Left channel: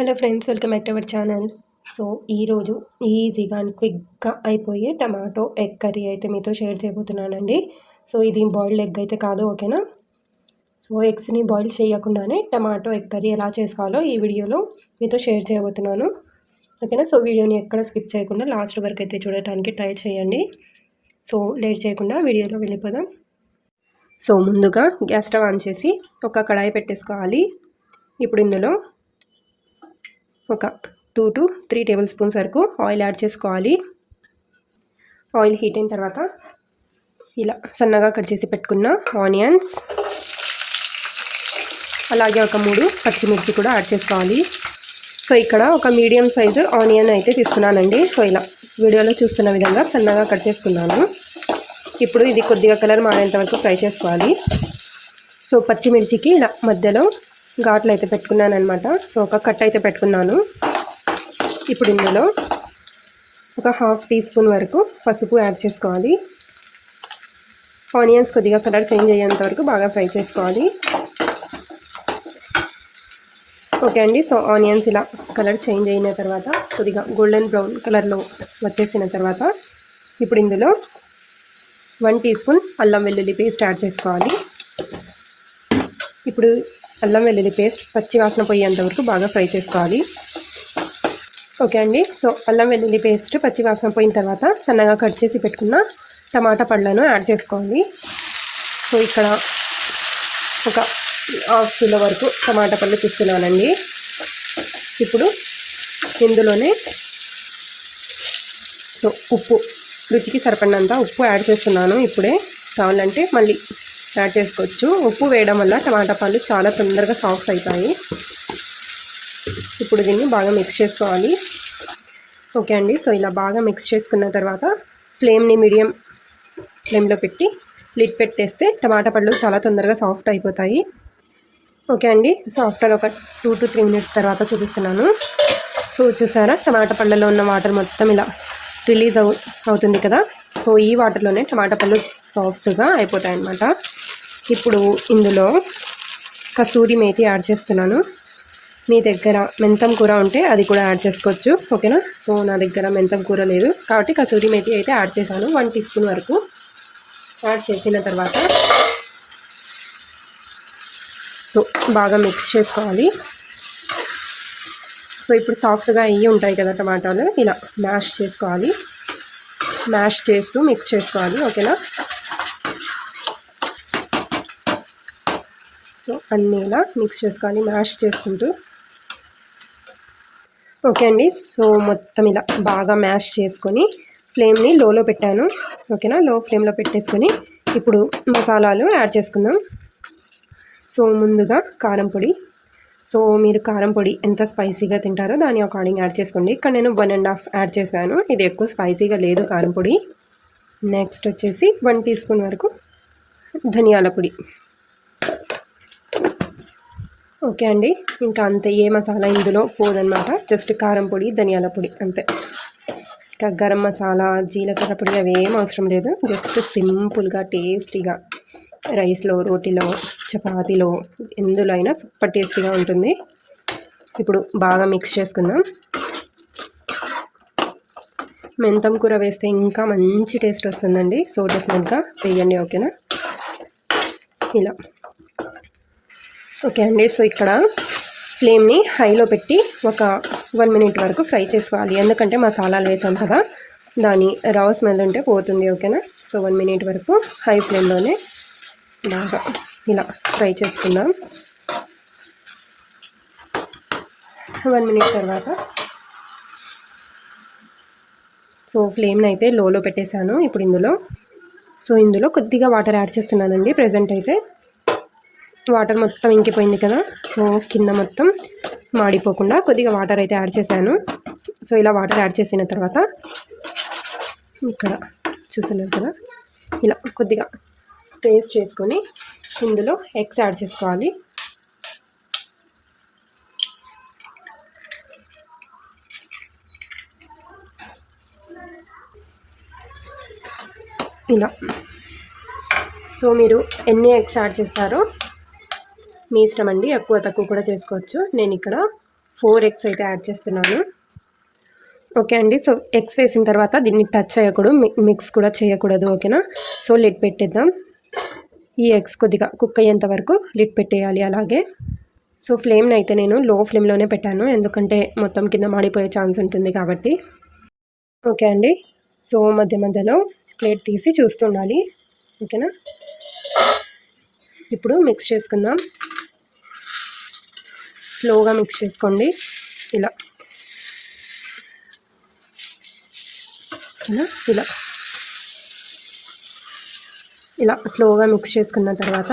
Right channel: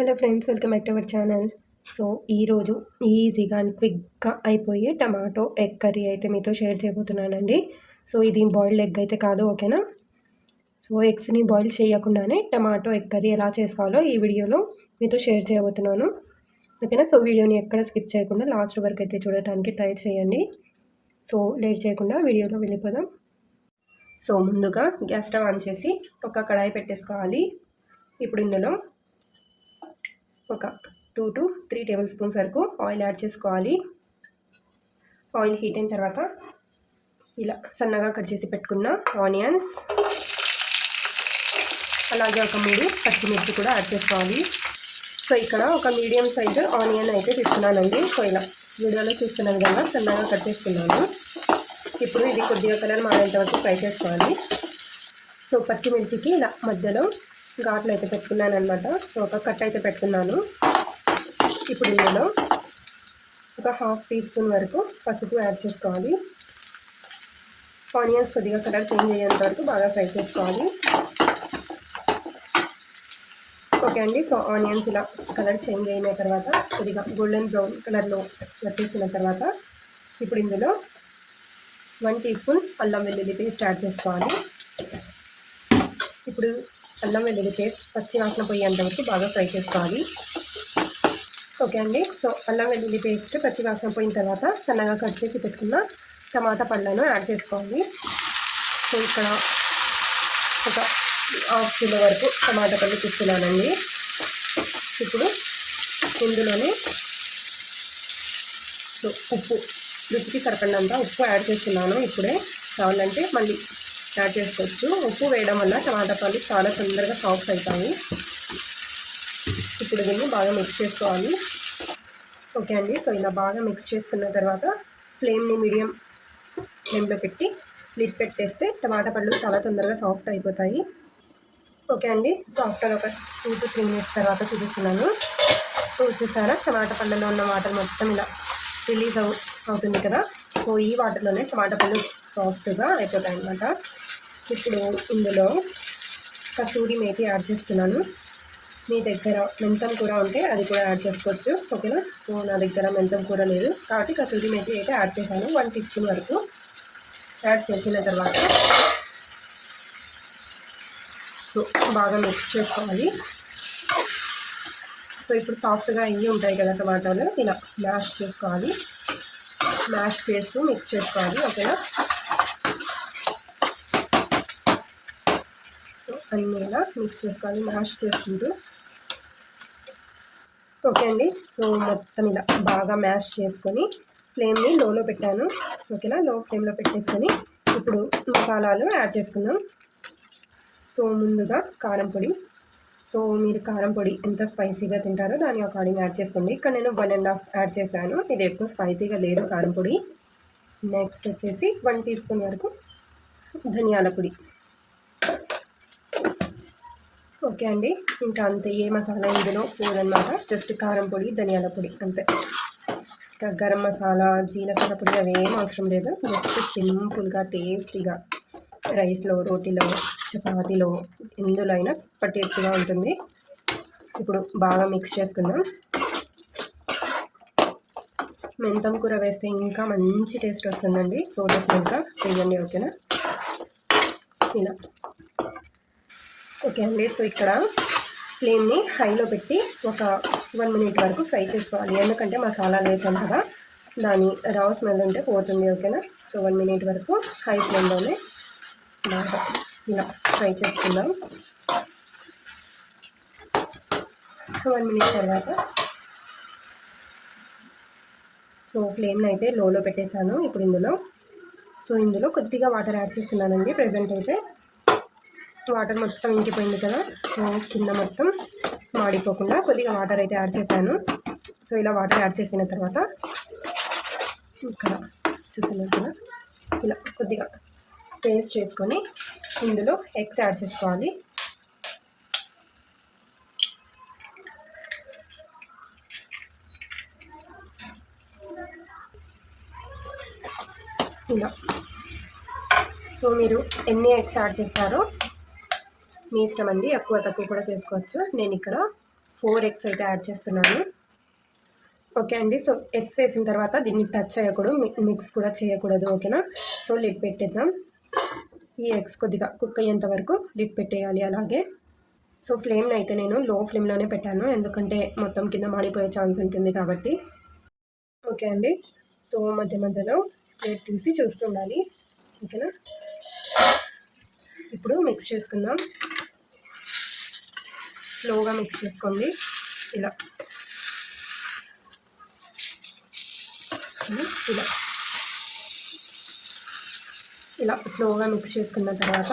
Hello friends, welcome back to our channel. So ఈరోజు ఈజీగా and క్విక్గా అయిపోయే టమాటో ఎగ్ కర్రీ అయితే మీతో షేర్ చేయబోతున్నానండి. సో ఇది బాయిల్డ్ ఎగ్ అయితే కాదు, ఓకేనా. సో ఎగ్స్ని బాయిల్ చేయకుండానే టమాటో ఎగ్ కర్రీ ఎలా చేసుకోవాలో ఈ వీడియోలో మీతో షేర్ చేయబోతున్నాను, ఓకేనా. సో వీడియోని ఎక్కడ స్కిప్ చేయకుండా లాస్ట్ వరకు అయితే చూడటానికి ట్రై చేయండి. సో లేట్ చేయకుండా వీడియోలో వెళ్ళిపోదాం. సో ముందుగా గ్యాస్ స్టవ్ ఆన్ చేసి ఒక కడాయి పెట్టేసుకోవాలి. ఇప్పుడు ఇందులో ఒక 2 to 3 టేబుల్ స్పూన్స్ వరకు ఆయిల్ యాడ్ చేసుకోవాలి. ఆయిల్ హీట్ అయిన తర్వాత ఇలా సన్నగా కట్ చేసి పెట్టుకున్న ఆనియన్స్, అలాగే ఒక 3 పచ్చిమిర్చి కూడా యాడ్ చేసుకోవాలి. సో ఇక్కడ ఒక మీడియం సైజు ఆనియన్ అయితే తీసుకున్నానండి. సో ఇలా వీడియోలో చూస్తున్న విధంగా సన్నగా కట్ చేసుకున్నాను. ఇప్పుడు ఇది కొద్దిగా కలర్ మారేంత వరకు ఫ్రై చేసుకోవాలి. సో పచ్చిమిర్చికి ఇలా మధ్యలో ఘాట్లు అయితే పెట్టుకున్నాను అనమాట. సో ఒక కట్ అయితే పెట్టుకున్నాను. ఇప్పుడు ఇందులో ఒక 1/2 టీ స్పూన్ వరకు పసుపు యాడ్ చేసుకోవాలి. ఆనియన్స్ కొద్దిగా కలర్ చేంజ్ అయ్యేంత వరకు బాగా ఫ్రై చేసుకోవాలి. ఓకే అండి. సో ఆనియన్స్ ఇలా కలర్ చేంజ్ అయిన తర్వాత కొద్దిగా గోల్డెన్ బ్రౌన్ కలర్లో వచ్చేసిన తర్వాత ఇప్పుడు ఇందులో 1 టీ స్పూన్ అల్లం వెల్లుల్లి పేస్ట్ యాడ్ చేసుకోవాలి. ఇప్పుడు అల్లం వెల్లుల్లి పేస్ట్ పచ్చి వాసన పోయేంత వరకు బాగా ఫ్రై చేసుకోవాలి. ఓకే అండి. సో అల్లం వెల్లుల్లి పేస్ట్ పచ్చి వాసన పోయిన తర్వాత సన్నగా కట్ చేసి పెట్టుకున్న టమాటా పళ్ళను యాడ్ చేసుకోవాలి. సో ఇక్కడ ఒక 1/2 కిలో వరకు టమాటా పళ్ళు తీసుకున్నానండి. ఇప్పుడు ఇందులోనే సో ఉప్పు, రుచికి సరిపడినంత ఉప్పు యాడ్ చేస్తున్నాను. ఇప్పుడే కావాలంటే మళ్ళీ యాడ్ చేసుకోవచ్చు. ఉప్పు వేయడం వల్ల టమాటా పళ్ళు చాలా తొందరగా సాఫ్ట్ అవుతాయి. ఇప్పుడు దీన్ని బాగా మిక్స్ చేసుకోవాలి. ఓకే అండి. సో ఇలా బాగా మిక్స్ చేసుకున్న తర్వాత ఫ్లేమ్ని మీడియం ఫ్లేమ్లో పెట్టి లిడ్ పెట్టేస్తే టమాటా పళ్ళు చాలా తొందరగా సాఫ్ట్ అయిపోతాయి. ఓకే అండి. సో ఆఫ్టర్ ఒక 2 to 3 మినిట్స్ తర్వాత చూపిస్తున్నాను. సో చూసారా, టమాటా పళ్ళలో ఉన్న వాటర్ మొత్తం ఇలా రిలీజ్ అవుతుంది కదా. సో ఈ వాటర్లోనే టమాటా పళ్ళు సాఫ్ట్గా అయిపోతాయి అన్నమాట. ఇప్పుడు ఇందులో కసూరి మేతి యాడ్ చేస్తున్నాను. మీ దగ్గర మెంతం కూర ఉంటే అది కూడా యాడ్ చేసుకోవచ్చు, ఓకేనా. సో నా దగ్గర మెంతం కూర లేదు కాబట్టి కసూరి మేతి అయితే యాడ్ చేశాను. 1 టీ స్పూన్ వరకు యాడ్ చేసిన తర్వాత సో బాగా మిక్స్ చేసుకోవాలి. సో ఇప్పుడు సాఫ్ట్గా అయ్యి ఉంటాయి కదా టమాటాలు, ఇలా మ్యాష్ చేసుకోవాలి. మ్యాష్ చేస్తూ మిక్స్ చేసుకోవాలి, ఓకేనా. సో అన్నీ ఇలా మిక్స్ చేసుకోవాలి మ్యాష్ చేసుకుంటూ. ఓకే అండి. సో మొత్తం ఇలా బాగా మ్యాష్ చేసుకొని ఫ్లేమ్ని లోలో పెట్టాను, ఓకేనా. లో ఫ్లేమ్లో పెట్టేసుకొని ఇప్పుడు మసాలాలు యాడ్ చేసుకుందాం. సో ముందుగా కారం పొడి. సో మీరు కారం పొడి ఎంత స్పైసీగా తింటారో దాని అకార్డింగ్ యాడ్ చేసుకోండి. ఇక్కడ నేను 1.5 యాడ్ చేశాను. ఇది ఎక్కువ స్పైసీగా లేదు కారం పొడి. నెక్స్ట్ వచ్చేసి 1 టీ స్పూన్ వరకు ధనియాల పొడి. ఓకే అండి. ఇంకా అంతే, ఏ మసాలా ఇందులో పోదన్నమాట. జస్ట్ కారం పొడి, ధనియాల పొడి అంతే. ఇంకా గరం మసాలా, జీలకర్ర పొడి అవి ఏం అవసరం లేదు. జస్ట్ సింపుల్గా టేస్టీగా రైస్లో, రోటీలో, చపాతీలో ఎందులో అయినా సూపర్ టేస్టీగా ఉంటుంది. ఇప్పుడు బాగా మిక్స్ చేసుకుందాం. మెంతం కూర వేస్తే ఇంకా మంచి టేస్ట్ వస్తుందండి. సో డెఫినెట్గా వేయండి, ఓకేనా. ఇలా ఓకే అండి. సో ఇక్కడ ఫ్లేమ్ని హైలో పెట్టి ఒక 1 మినిట్ వరకు ఫ్రై చేసుకోవాలి. ఎందుకంటే మసాలాలు వేసాం కదా, దాని రా స్మెల్ ఉంటే పోతుంది, ఓకేనా. సో 1 మినిట్ వరకు హై ఫ్లేమ్లోనే బాగా ఇలా ఫ్రై చేసుకుందాం. 1 మినిట్ తర్వాత సో ఫ్లేమ్ని అయితే లోలో పెట్టేశాను. ఇప్పుడు ఇందులో కొద్దిగా వాటర్ యాడ్ చేస్తున్నానండి. ప్రజెంట్ అయితే వాటర్ మొత్తం ఇంకిపోయింది కదా. సో కింద మొత్తం మాడిపోకుండా కొద్దిగా వాటర్ అయితే యాడ్ చేశాను. సో ఇలా వాటర్ యాడ్ చేసిన తర్వాత ఇక్కడ చూస్తున్నారు కదా, ఇలా కొద్దిగా స్పేస్ చేసుకొని ఇందులో ఎగ్స్ యాడ్ చేసుకోవాలి. ఇలా సో మీరు ఎన్ని ఎగ్స్ యాడ్ చేస్తారో మీ ఇష్టం అండి, ఎక్కువ తక్కువ కూడా చేసుకోవచ్చు. నేను ఇక్కడ 4 ఎగ్స్ అయితే యాడ్ చేస్తున్నాను. ఓకే అండి. సో ఎగ్స్ వేసిన తర్వాత దీన్ని టచ్ చేయకూడదు, మిక్స్ కూడా చేయకూడదు. ఓకేనా. సో లిడ్ పెట్టేద్దాం. ఈ ఎగ్స్ కొద్దిగా కుక్ అయ్యేంత వరకు లిడ్ పెట్టేయాలి. అలాగే సో ఫ్లేమ్ని అయితే నేను లో ఫ్లేమ్లోనే పెట్టాను, ఎందుకంటే మొత్తం కింద మాడిపోయే ఛాన్స్ ఉంటుంది కాబట్టి. ఓకే అండి. సో మధ్య మధ్యలో ప్లేట్ తీసి చూస్తుండాలి. ఓకేనా. ఇప్పుడు మిక్స్ చేసుకుందాం. స్లోగా మిక్స్ చేసుకోండి. ఇలా ఇలా ఇలా స్లోగా మిక్స్ చేసుకున్న తర్వాత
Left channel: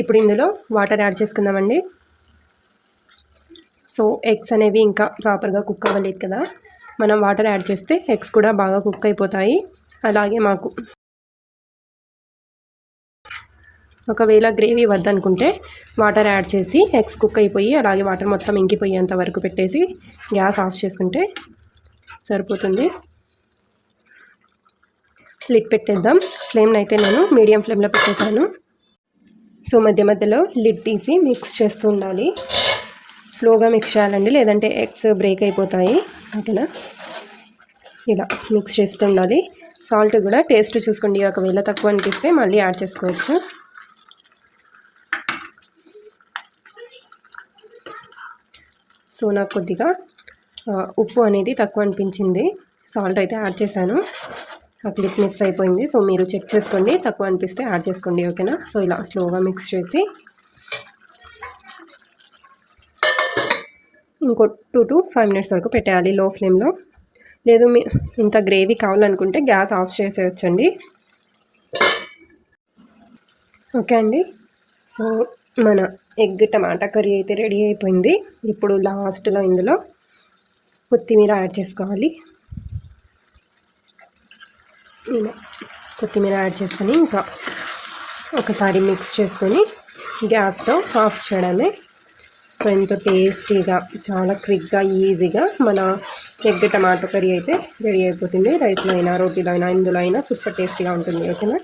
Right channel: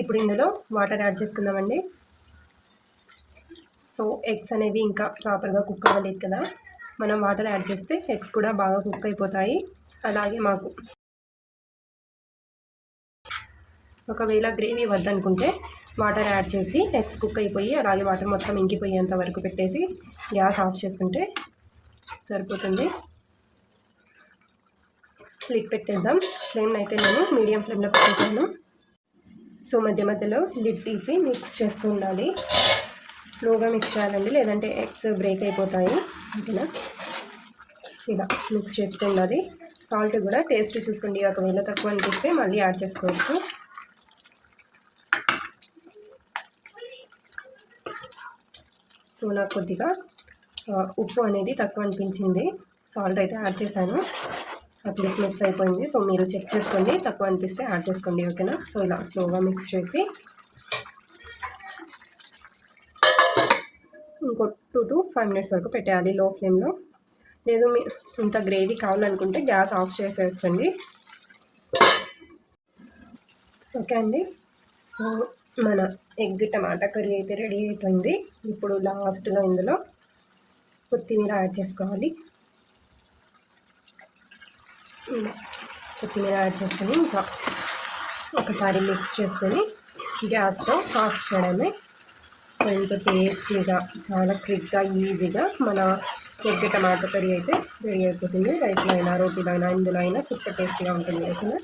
ఇప్పుడు ఇందులో వాటర్ యాడ్ చేసుకుందామండి. సో ఎగ్స్ అనేవి ఇంకా ప్రాపర్గా కుక్ అవ్వలేదు కదా, మనం వాటర్ యాడ్ చేస్తే ఎగ్స్ కూడా బాగా కుక్ అయిపోతాయి. అలాగే మాకు ఒకవేళ గ్రేవీ వద్దనుకుంటే వాటర్ యాడ్ చేసి ఎగ్స్ కుక్ అయిపోయి అలాగే వాటర్ మొత్తం ఇంకిపోయేంత వరకు పెట్టేసి గ్యాస్ ఆఫ్ చేసుకుంటే సరిపోతుంది. లిడ్ పెట్టేద్దాం. ఫ్లేమ్ని అయితే నేను మీడియం ఫ్లేమ్లో పెట్టేసాను. సో మధ్య మధ్యలో లిడ్ తీసి మిక్స్ చేస్తూ ఉండాలి. స్లోగా మిక్స్ చేయాలండి, లేదంటే ఎగ్స్ బ్రేక్ అయిపోతాయి. ఓకేనా. ఇలా మిక్స్ చేస్తూ ఉండాలి. సాల్ట్ కూడా టేస్ట్ చూసుకోండి, ఒకవేళ తక్కువ అనిపిస్తే మళ్ళీ యాడ్ చేసుకోవచ్చు. సో నాకు కొద్దిగా ఉప్పు అనేది తక్కువ అనిపించింది, సాల్ట్ అయితే యాడ్ చేశాను. ఆ క్లిప్ మిస్ అయిపోయింది. సో మీరు చెక్ చేసుకోండి, తక్కువ అనిపిస్తే యాడ్ చేసుకోండి. ఓకేనా. సో ఇలా స్లోగా మిక్స్ చేసి ఇంకో 2 to 5 minutes వరకు పెట్టేయాలి లో ఫ్లేమ్లో. లేదు మీ ఇంత గ్రేవీ కావాలనుకుంటే గ్యాస్ ఆఫ్ చేసేయచ్చండి. ఓకే అండి. సో మన ఎగ్ టమాటా కర్రీ అయితే రెడీ అయిపోయింది. ఇప్పుడు లాస్ట్లో ఇందులో కొత్తిమీర యాడ్ చేసుకోవాలి. ఇలా కొత్తిమీర యాడ్ చేసుకొని ఇంకా ఒకసారి మిక్స్ చేసుకొని గ్యాస్లో ఆఫ్ చేయడమే. సో ఎంతో టేస్టీగా, చాలా క్విక్గా, ఈజీగా మన ఎగ్ టమాటో కర్రీ అయితే రెడీ అయిపోతుంది. రైస్లో అయినా, రోటీలో అయినా, ఇందులో అయినా సూపర్ టేస్టీగా ఉంటుంది. ఓకేనా.